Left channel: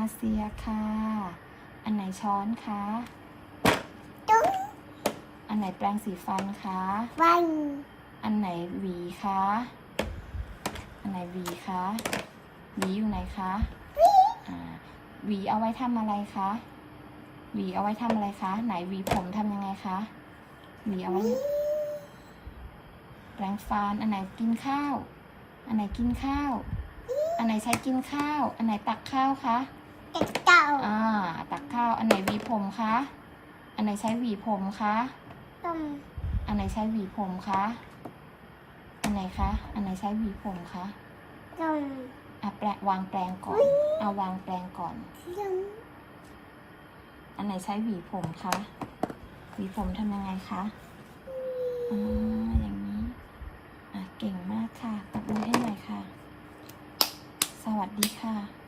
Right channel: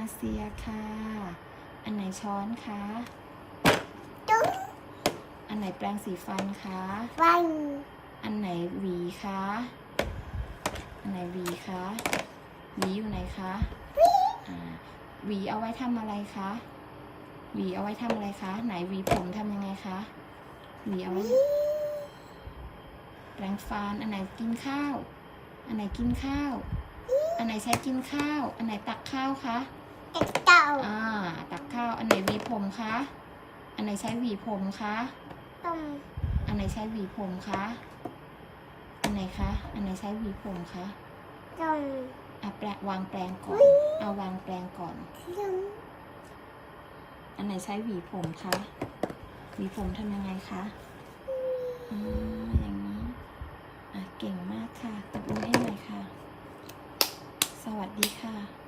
นาเซียค่ะ อันไหนช้อนคะตุ้งอันไหนแปรงสีฟันคะฟันอันไหนหวีคะอันไหนหวีคะหวีอยู่ไหนคะอ่าหวีเอาไว้ทำอะไรคะหวีเอาไว้ทำอะไรคะ ไหนหวีผมทำยังไงคะหวีเอาไว้แปรงฟันอันไหนกินข้าว อันไหนกินข้าว อันไหนใช้กินข้าว อันไหนตักข้าวคะ เด็กเต่า อ่า ตักข้าว อันไหนหวีผม คะ อันไหนใช้หวีผมคะตุ้มอันไหนใช้หวีผมคะ อันไหนคะ อันไหนใช้หวีผมคะตุ้มอะแปรงวางแปรงก่อน เอาวางแปรงก่อนตุ้มอันไหนใช้หวีผมคะ หวีผมทำยังไงคะอ่าอย่างนี้อะเก่งมากค่ะตบมือให้หน่อยค่ะ สวัสดีค่ะ